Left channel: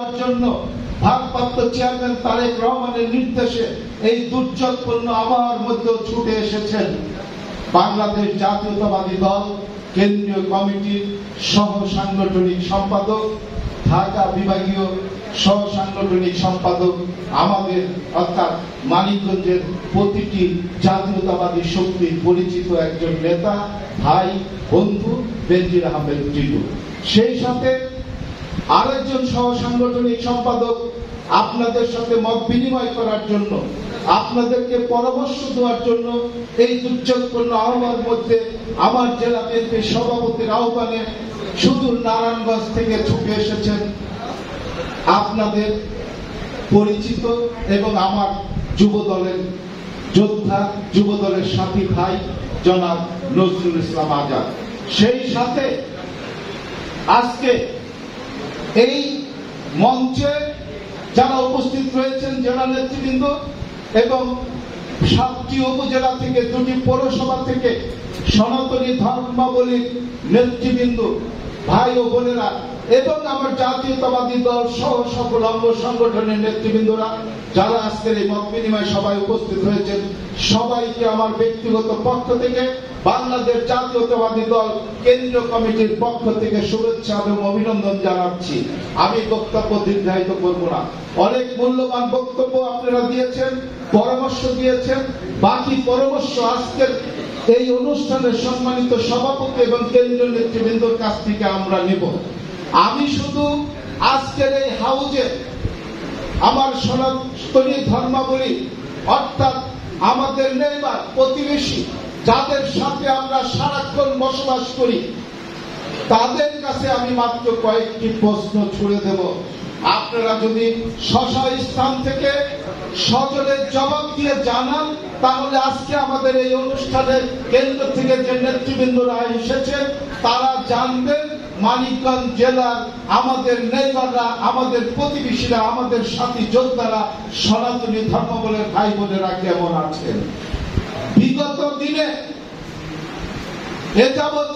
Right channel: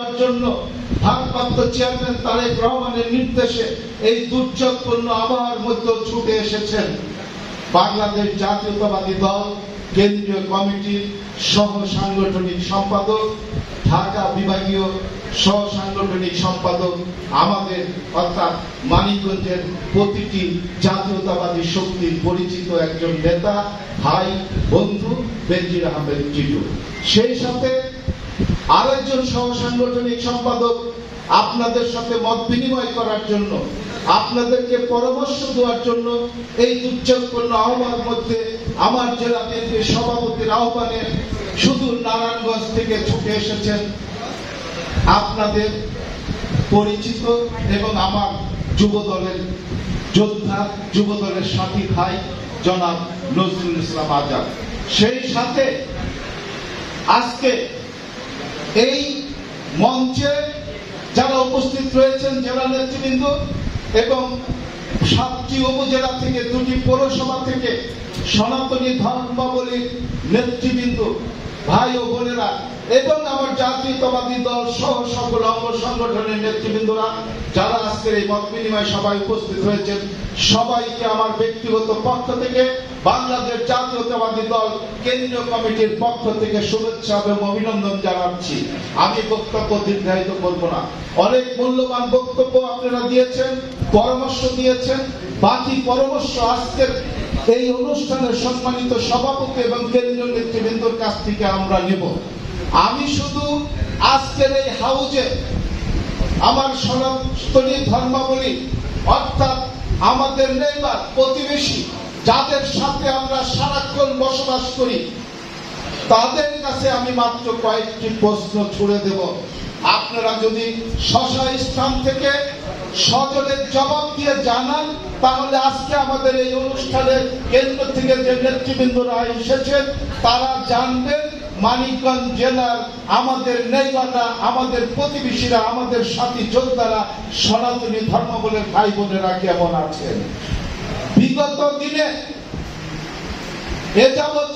জন্য ভারপ্রাপ্ত চেয়ারম্যান তারেক রহমানের নির্দেশে এই দুর্যোগপূর্ণ আবহাওয়ার মধ্যে ছুটে এসেছেন বাংলাদেশ জাতীয়তাবাদী দল কেন্দ্রীয় কমিটির সহ সাংগঠনিক সম্পাদক, ঢাকা বিভাগীয় সহ সাংগঠনিক সম্পাদক, আমাদের অর্থাৎ মানিকগঞ্জের প্রতিটি জাতীয়তাবাদী শক্তির পরিচিত একজন নেতা, ভাই, বন্ধু বেনজির আহমেদ টিটু। সেই সাথে আরেকজন সহ সাংগঠনিক সম্পাদক আপনাদের সাথে মত বিনিময় করার জন্য, আপনাদেরকে পরামর্শ দেওয়ার জন্য এই দুর্যোগপূর্ণ আবহাওয়ার মধ্যে আমার জেলা বিএনপির সভাপতির আহ্বানে সুদূর নারায়ণগঞ্জ থেকে ছুটে এসেছেন আপনাদের পরিচিত এবং আমার যুব দলের যোদ্ধা, যুব দলের সাথী ভাই জনাব নজরুল ইসলাম আজাদ। সেই সাথে আজকে এই মঞ্চে যারা উপস্থিত রয়েছেন জেলা নেতৃবৃন্দ এবং 7টি উপজেলা থেকে 2টি পৌরসভা থেকে সনাতনী ধর্মাবলীর নেতৃবৃন্দ, ভাই ও বোনেরা এবং আমার জাতীয়তাবাদী দল সহ সকল অঙ্গ সংগঠনের নেতৃবৃন্দরা যারা আজকের এই মত বিনিময় সভায় উপস্থিত হয়েছেন, সবাইকে আমার ব্যক্তিগত পক্ষ থেকে বাংলাদেশ জাতীয়তাবাদী দল কেন্দ্রীয় কমিটির পক্ষ থেকে শুভেচ্ছা এবং অভিনন্দন জানাচ্ছি। আমি বক্তব্য দীর্ঘায়িত করব না। অনেক মূল্যবান বক্তব্য আপনারা দিয়েছেন, পরামর্শ দিয়েছেন। বাকি পরামর্শ আজকের এই অনুষ্ঠানের সম্মানিত সভাপতি এবং কেন্দ্রীয় নেতৃবৃন্দর কাছ থেকে আমরা নেব। আমি শুধু আজকের এই হাউজে আমার সনাতনী ধর্মাবলী অর্থাৎ আমাদের নেইবার, প্রতিবেশী, যাদের সাথে আমরা সারাক্ষণ বসবাস করি, তাদের কাছে আমি মাত্র কয়েকটি প্রশ্ন ছুড়ে দেব। আপনারা যদি স্ব স্থান থেকে সজলের জবাব দিয়ে জানান, তাহলে আজকে আমাদের এই অনুষ্ঠানের কেন্দ্র থেকে যে নেতৃবৃন্দরা এসেছেন তারা জানবেন মানিকগঞ্জ জেলার আমাদের নেইবাররা, আমাদের প্রতিবেশীরা, আমাদের সাথী যোদ্ধারা, সনাতনী ধর্মাবলম্বী ভাই বোনেরা কেমন আছেন। বিগত দিনে এ যাবৎ